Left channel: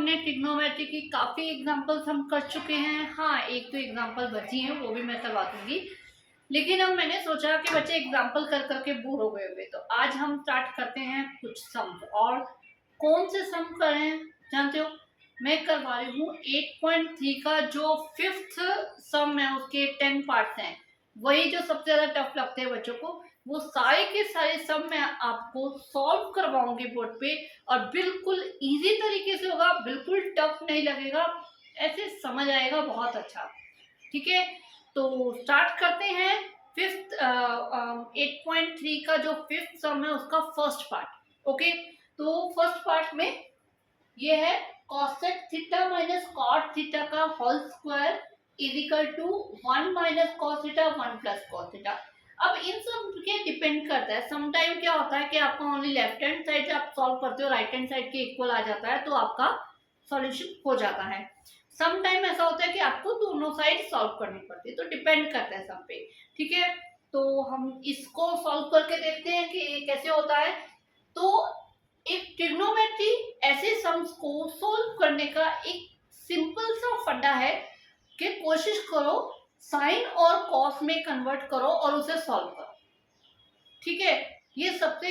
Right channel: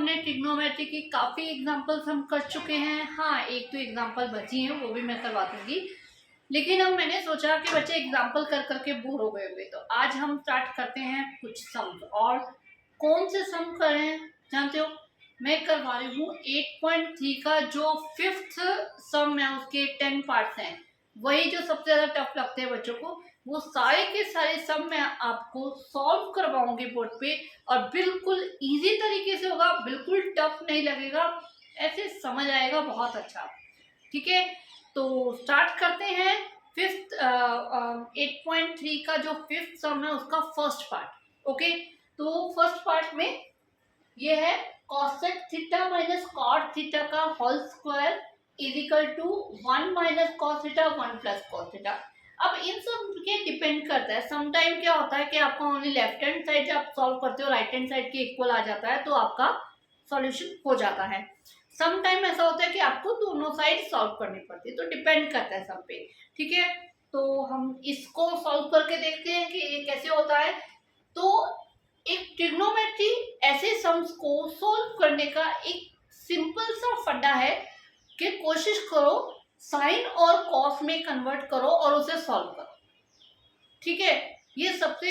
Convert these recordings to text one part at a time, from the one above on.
हमने ट्रिग्नोमेट्री की काफ़ी एग्जांपल्स हम कर चुके हैं। हाँ, एक तो एग्जांपल बची है, वो भी मैं करवा दूंगी। लेकिन अब मैंने सोचा कि बच्चे एग्जांपल कर करके बोर हो गए हुए, तो आज हम स्टार्ट करते हैं कुछ सम्स। और कौन से सम करें जानते हो? मैं करवा रही हूँ 8.3 का जो 5th सम है, उसके 10 पार्ट्स हैं। वही जो सबसे ज़्यादा टफ लगते हैं बच्चों को, वो सारे के सारे सम मैं आपको सॉल्व करवाऊंगी बोर्ड पे। और बिल्कुल इजी तरीके से होगा, बिल्कुल टफ नहीं लगेगा, ऐसे समझ आएगा बहुत अच्छा। ठीक है, तो स्टार्ट करते हैं। 8.3 का जो 5th सम है उसका फर्स्ट पार्ट। ओके, तो फर्स्ट पार्ट में ये है cosec theta minus cot theta का whole square is equal to 1 minus cos theta 1 plus cos theta. अब इन सब के डिपेंड करता है। समटाइम क्या होता है कि आपका ओनली लेफ्ट हैंड साइड आप सॉल्व करते हो, राइट हैंड साइड के इक्वल आ जाता है, तो आपका सॉल्यूशन हो जाता है। सम टाइम ऐसा होता है कि आपको दोनों साइड सॉल्व करनी पड़ती है, तो डिपेंड करता है सब पे। ठीक है, तो हम इसको सॉल्व करके देखते हैं कि ये कैसे होता है। तो एक ट्रिग्नोमेट्री ऐसे सम्स को सॉल्व करने का एक सिंपल सा फंडा है कि कोशिश करो साइन और कॉस में कन्वर्ट करो और उसे सॉल्व करो। ठीक है, ये सबसे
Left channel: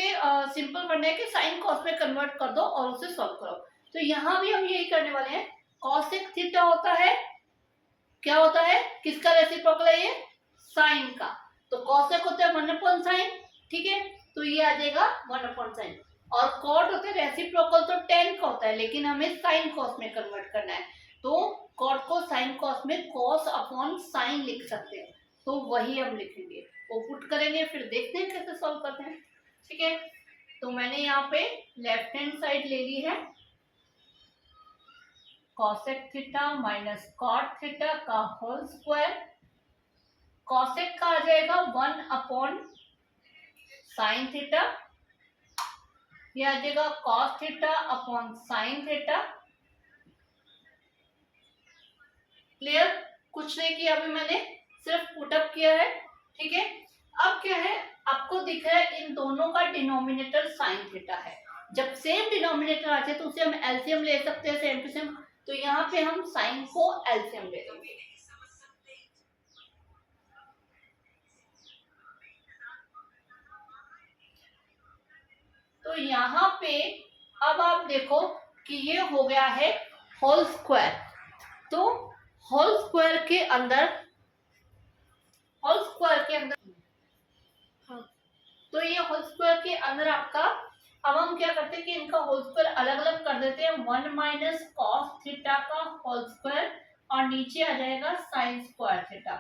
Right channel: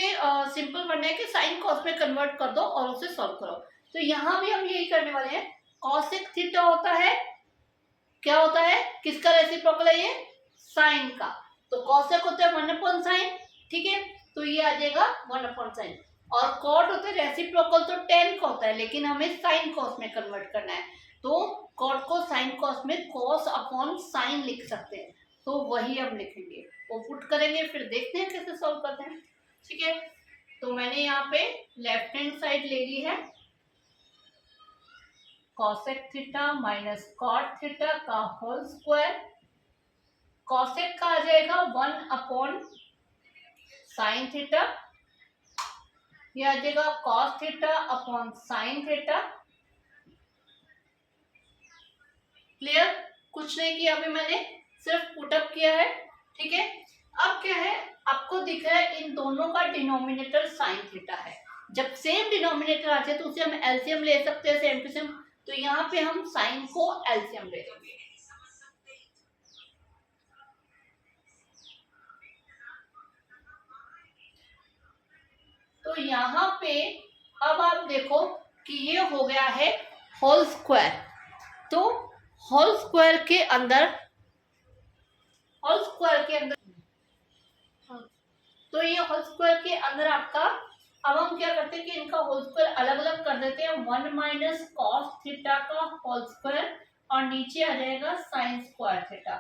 सिंपल फंडा है कि साइन कॉस में कन्वर्ट कर दो और उसे सॉल्व करो। तो यहाँ भी हम यही करने वाले हैं। कॉसेक थीटा होता है, क्या होता है, किसका रेसिप्रोकल है ये? साइन का। तो कॉसेक होता है 1/sin। ठीक है, तो ये आ जाएगा 1/sin। और कॉट होता है रेसिप्रोकल, तो 10 का होता है, लेकिन हमें साइन कॉस में कन्वर्ट करना है, तो कॉट को साइन कॉस में कॉस अपॉन साइन लिख सकते हैं, तो वही हम लिखेंगे। वो पुट करेंगे, फिर देखते हैं कैसे सॉल्व करते हैं। ठीक है, तो मैंने यहाँ पे लेफ्ट हैंड साइड ले ली है, cosec theta minus cot theta का होल स्क्वायर। cosec का आ जाएगा 1/sin थीटा, ये आ जाएगा cos theta upon sin theta. Clear? कुछ नहीं किया अभी मैंने, सिर्फ पुटअप किया है। ठीक है, अब क्या है, आपको दिख रहा है इन दोनों का डिनोमिनेटर sin थीटा है। जब सेम डिनोमिनेटर आ जाए तो उसे हम एलसीएम ले सकते हैं, सेम टू सेम। तो यहाँ पे हम साइन को एलसीएम ले लेंगे। तो यहाँ पे अब आप देखो कि ये हो गया है होल स्क्वायर। तो होल स्क्वायर के अंदर हाँ, तो ये होल स्क्वायर के अंदर आपका, अब हम क्या करते हैं कि इनका होल स्क्वायर अलग अलग कर देते हैं। 1 माइनस कॉस थीटा का होल स्क्वायर और नीचे आ जाएगा साइन स्क्वायर थीटा।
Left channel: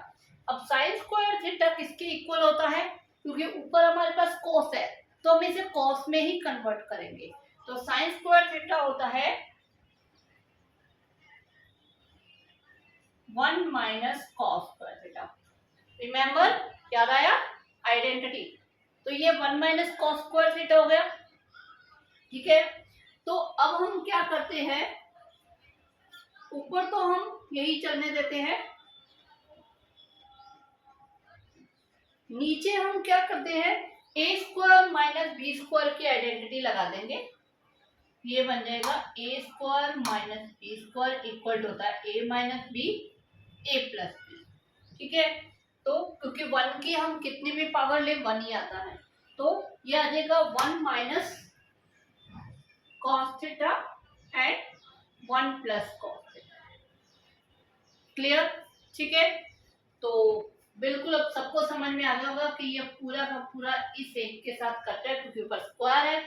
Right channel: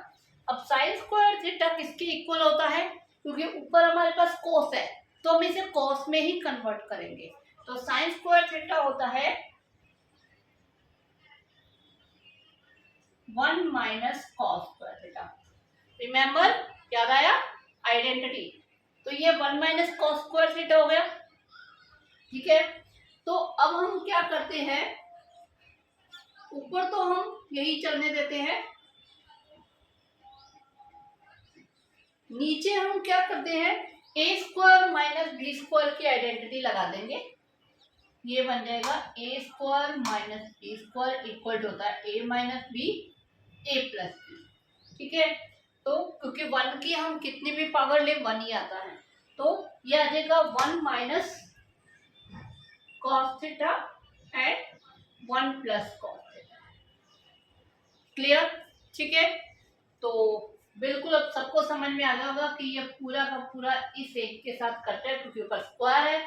अब साइन स्क्वायर थीटा किसके इक्वल होता है? क्योंकि ऊपर हमारे पास कॉस है, तो हम इसे कॉस में ही कन्वर्ट करेंगे। तो साइन स्क्वायर थीटा होता है 1 minus cos square theta. Remember, याद आया? आइडेंटिटी। तो ये 1 माइनस कॉस स्क्वायर थीटा हो गया। ठीक है, तो अब हम क्या करते हैं, ऊपर तो हम यही चलने देते हैं, नीचे हम क्या करते हैं, a square minus b square की आइडेंटिटी लगा देंगे। ये बन जाएगा a square minus b square equal होता है a minus b a plus b. ठीक है, तो क्योंकि 1 की हम कितनी भी पावर ले 1 ही आता है, तो ये आ जाएगा 1 minus cos theta and 1 plus cos theta. Clear? ठीक है, तो बिल्कुल अब सबको समझ में आ गया होगा कि ये पूरा का पूरा इस एक के साथ करते हैं, क्योंकि ऊपर स्क्वायर है।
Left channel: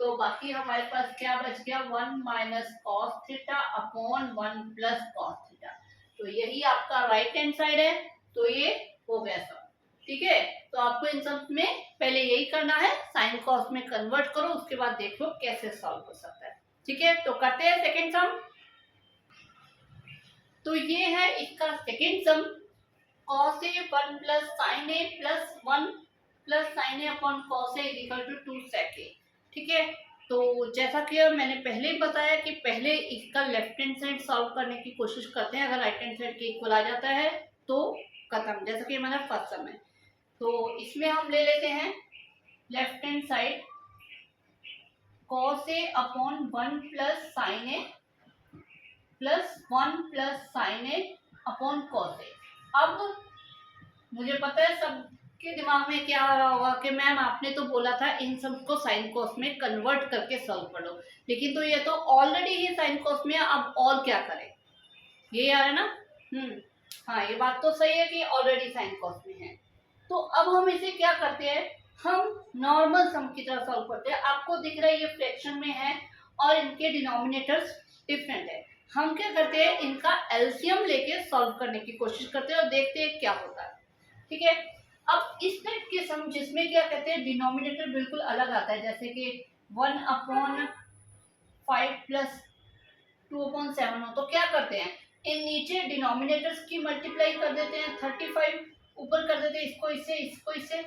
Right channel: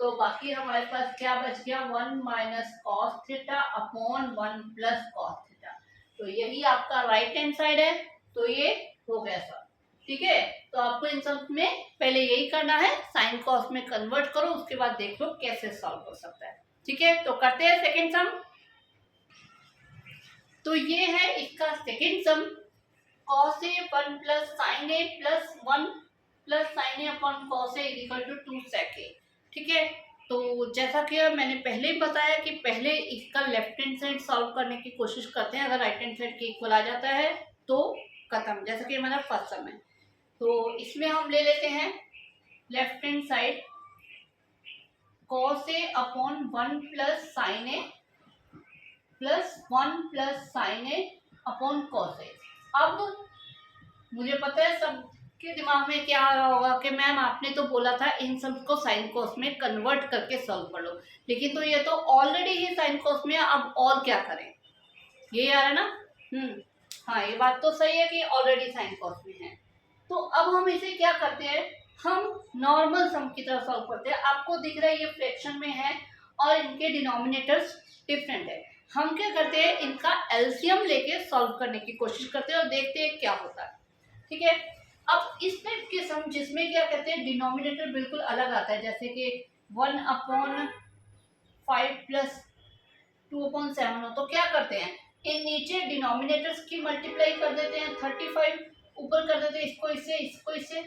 तो बाकी हमारे पास क्या बच गया, 1 minus cos theta upon 1 plus cos theta. तो यही आपका राइट हैंड साइड है, तो ये हो गया सब। ठीक है, तो आपको इन सब में पहले यही करना है, साइन कॉस में कन्वर्ट करो, उसके बाद देख लो कैसे सॉल्व हो सकता है। ठीक है, तो करते हैं सेकेंड सम। तो ये है इसका second sum, cos a 1 plus sine A plus 1 plus sine A upon cos a is equal to 2 sec a। ठीक है, तो जैसा कि मैंने पहले ही बताया कि पहले इसका लेफ्ट हैंड साइड सॉल्व करने की कोशिश करते हैं, अगर राइट हैंड साइड के इक्वल आ जाता है तो खत्म, जैसा कि हमारा फर्स्ट सम है। तो इसमें हम ले लेते हैं left hand side cos a upon 1 plus sine A plus 1 plus sine A upon cos a. अब मुझे पता है सबके दिमाग में क्या आ रहा होगा कि मैम आपने तो बोला था इन सब को साइन कॉस में कन्वर्ट करके सॉल्व कर लो, लेकिन तो ये तो ऑलरेडी ही साइन कॉस में है, अब और क्या करें, ये आ रहा है ना। हाँ, ये बात तो सही है कि ऑलरेडी साइन कॉस में है। तो अब हम इसे क्या करते हैं, हम नॉर्मल सम की तरह सॉल्व करते हैं। आपको दिख रहा है ये फ्रैक्शन में है और इनके डिनोमिनेटर्स डिफरेंट है। हम क्या करते हैं, इनका एलसीएम लेके सॉल्व करने की कोशिश करते हैं और देखते हैं क्या होता है। ठीक है, अब इस टाइप के सम जिसमें क्या कहते हैं डिनोमिनेटर बिल्कुल अलग आता है, जैसे कि 1/5 प्लस 2/7 हो, तो क्या करते हैं, इन नीचे डिनोमिनेटर्स की मल्टीप्लाई कर देते हैं, 35 ऊपर कर देते हैं, इसको इससे इसको इससे।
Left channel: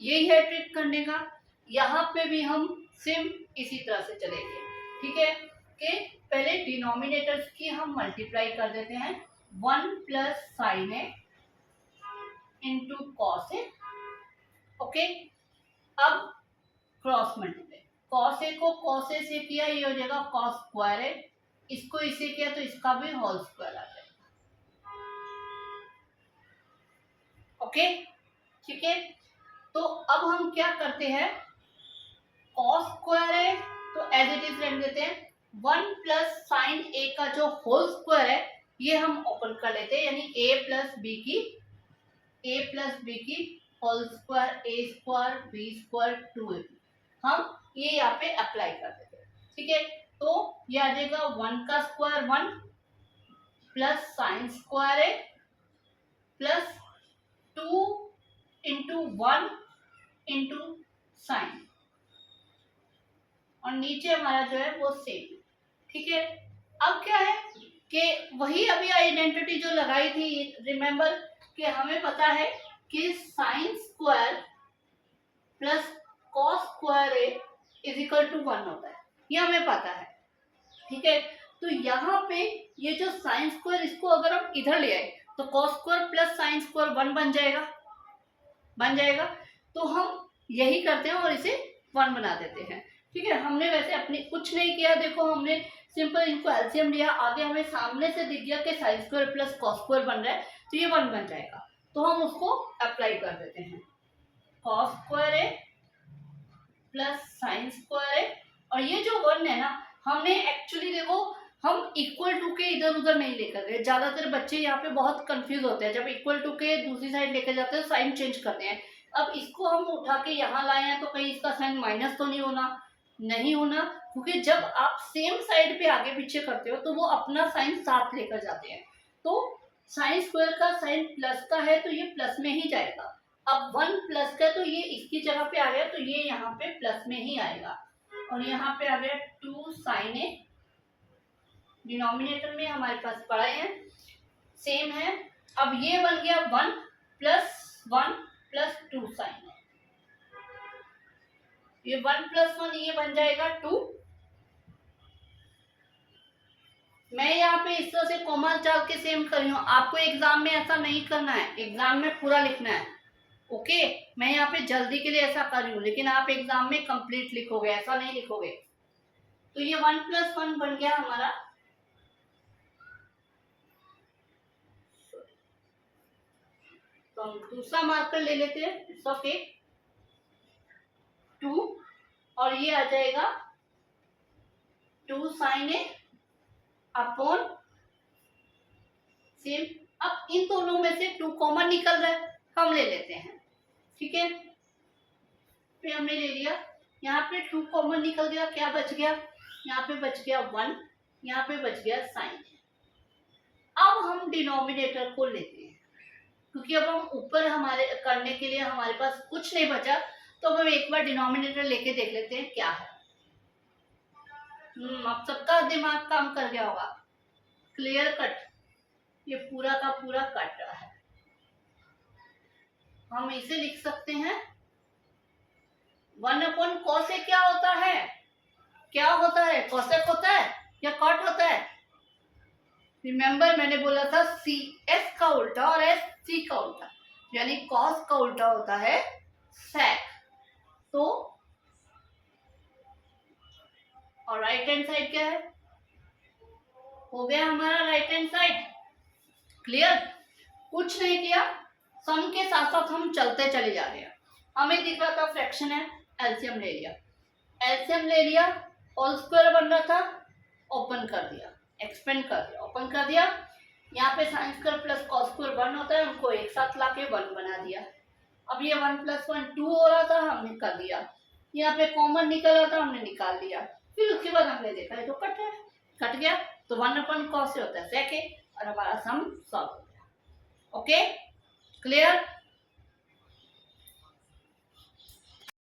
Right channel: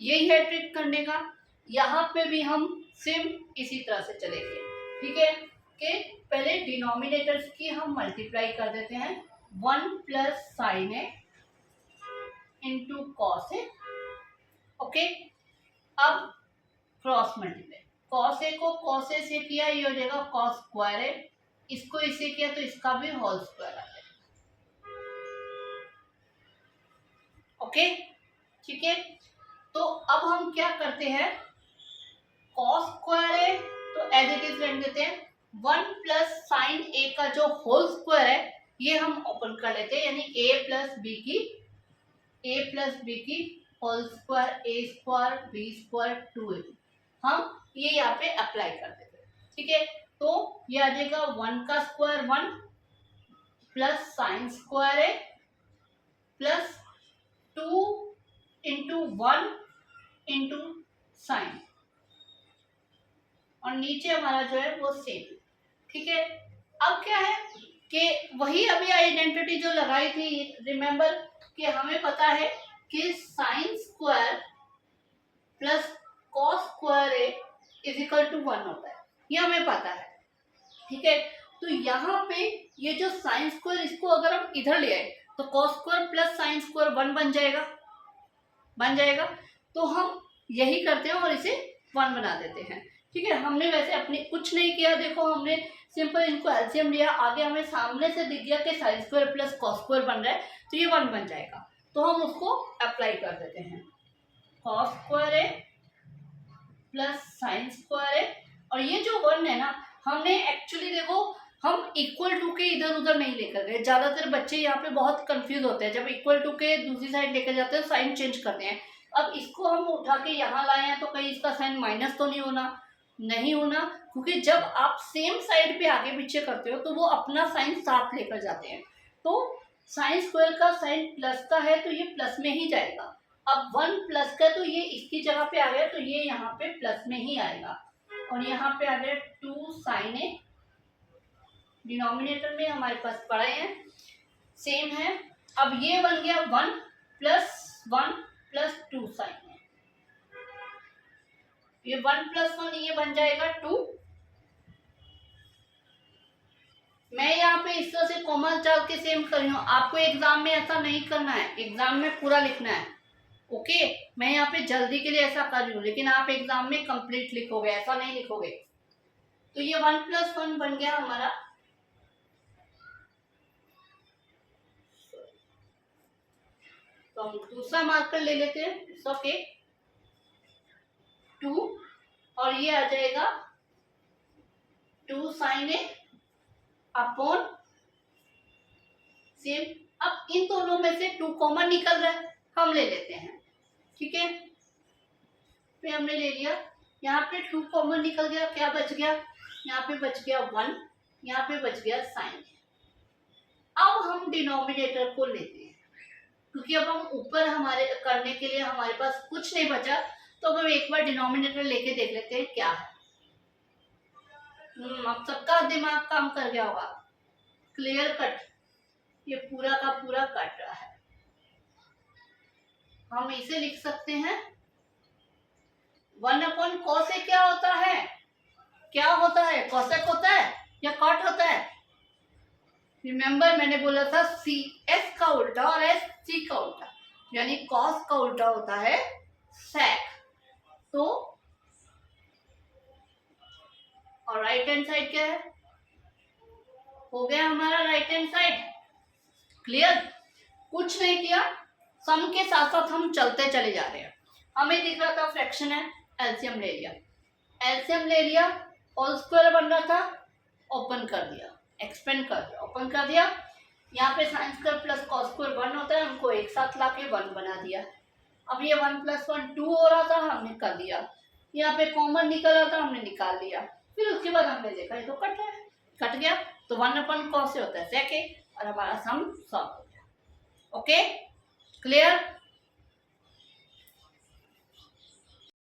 यही है ट्रिक करने का। यहाँ पे भी हम सेम इसी तरह से चलेंगे। ठीक है, कि पहले डिनोमिनेटर्स की हम मल्टीप्लाई कर देते हैं, 1 plus sine A into cos A. Okay, अब क्रॉस मल्टीप्लाई, कॉस ए को कॉस ए से किया, ये हो जाएगा कॉस स्क्वायर ए, इसको इसे किया तो इसका भी होल स्क्वायर आ जाएगा। ओके, ठीक है, तो अब हम क्या करते हैं, कॉस स्क्वायर है तो एज इट इज रहने देते हैं, 1 प्लस साइन ए का जो होल स्क्वायर है ये हम ओपन कर लेते हैं, यानी ए प्लस बी की होल स्क्वायर, ए स्क्वायर बी स्क्वायर 2ab, हम ये यहाँ पे अप्लाई कर देते हैं। ठीक है, तो ये आ जाएगा 1 का स्क्वायर 1 प्लस साइन स्क्वायर है प्लस 2 इंटू 1 इंटू साइन, और नीचे हमारा जो है वो सेम। ठीक है, अब क्या है कि वही अभी आइडेंटिटी जो लगाई थी, रिमेंबर कि हमें पता है कि sine square plus cos square A is equal to 1 होता है, ये हमें पता है। ठीक है, तो यहाँ पे ये जो साइन स्क्वायर, इसको अगर हम इधर ले आए तो cos square plus sine square 1 बन जाएगा। तो हम यही करते हैं और इसे 1 बना देते हैं। ठीक है, हमने वैसे अपने कुछ नहीं किया, देखो हमने सिंपल इनको एलसीएम लिया, आगे हमें सामने से दिख गया कि sine square plus cos square बन रहा है तो ये 1 बन जाएगा, तो हम उसको अप्लाई कर देते हैं, कॉस स्क्वायर है प्लस साइन स्क्वायर है, और ये जो 1 है ना, हमने एक्चुअली देखो हम इक्वल टू के इधर उधर नहीं लेकर गए। ज्यादातर बच्चे यहाँ पे बहुत कंफ्यूज होते हैं, जब इक्वल टू के दूसरी साइड लेकर जाते हैं साइन चेंज करते हैं। अब इसको हम उठा के यहाँ लाए हैं तो कहीं इसका साइन माइनस तो नहीं होना, क्योंकि जब आप सेम साइड पे आगे पीछे करते हो तो वो अपना साइन साथ लेकर जाते हैं। तो साइन स्क्वायर का साइन प्लस का है तो ये प्लस में ही जाएगा। अब 1 प्लस का तो ये इसकी जगह पे आ गया, तो ये यहाँ पे प्लस में ही आएगा, और यहाँ पे आ गया 2 साइन ए, डिनोमिनेटर में हमारे पास पढ़े हैं सेम है। अब ये बन गया 1 प्लस 2 साइन है, ये 1 प्लस 1 ये बन जाएगा 2। मैं यहाँ पे इस तरह से कॉमा डाल के सेम कर रही हूँ, आपको एग्जाम में ऐसा नहीं करना है, एग्जाम में पूरा लिखना है। ओके, मैं यहाँ पे जल्दी के लिए ऐसा कर रही हूँ, लेकिन आप एग्जाम में कंप्लीट लिखोगे, ऐसा नहीं लिखोगे। तो ये 1 प्लस 1 बन गया हमारा, तो हम दूसरा मार्कर ले लेते हैं, इट्स ओके 2, और ये आ जाएगा 2 साइन ए अपॉन सेम। अब इन दोनों में से 2 कॉमन निकल रहा है, हम ले लेते हैं। ठीक है, फिर हमने ले लिया, यहाँ पे 2 कॉमन निकल गया, क्या बच गया, यहाँ पे बच गया 1, यहाँ पे बच गया साइन। अब हम डिनोमिनेटर को लेते हैं, क्योंकि अब हम ऊपर हमारे करने के लिए हमारे पास कुछ नहीं बचा, तो अब हम एक बार डिनोमिनेटर लेके देख लेते हैं क्या है। अब सबका दिमाग काम कर गया होगा, क्लियर कट, ये पूरा का पूरा कट रहा है। हम इसे लिख सकते हैं 1 अपॉन कॉस ए, क्या होता है, कॉसेक होता है या कॉट होता है। रिमेंबर मैंने बोला था सी एस का उल्टा और एस सी का उल्टा, यानी कॉस का उल्टा होता है सेक। तो और राइट हैंड साइड क्या है, हो गया हमारा राइट हैंड साइड क्लियर। कुछ नहीं किया, सम के साथ साथ हम चलते चले जा रहे हैं। हमें दिख रहा था फ्रैक्शन है, एलसीएम ले लिया, एलसीएम ले लिया, होल स्क्वायर बन रहा था, ओपन कर दिया, एक्सपेंड कर दिया, ओपन कर दिया। यहाँ पे sign square plus cos square 1 होता है, उनको एक साथ लाके 1 बना दिया। अब ये 1 + 1 2 हो रहा था, हमने कर दिया। यहाँ पे कॉमन निकल रहा था, हमने निकाल लिया। फिर उसके बाद हमने देखा ये तो कट है, कट गया तो 1/cos से होता है सेक, और हमारा सम सॉल्व हो गया। Okay clear.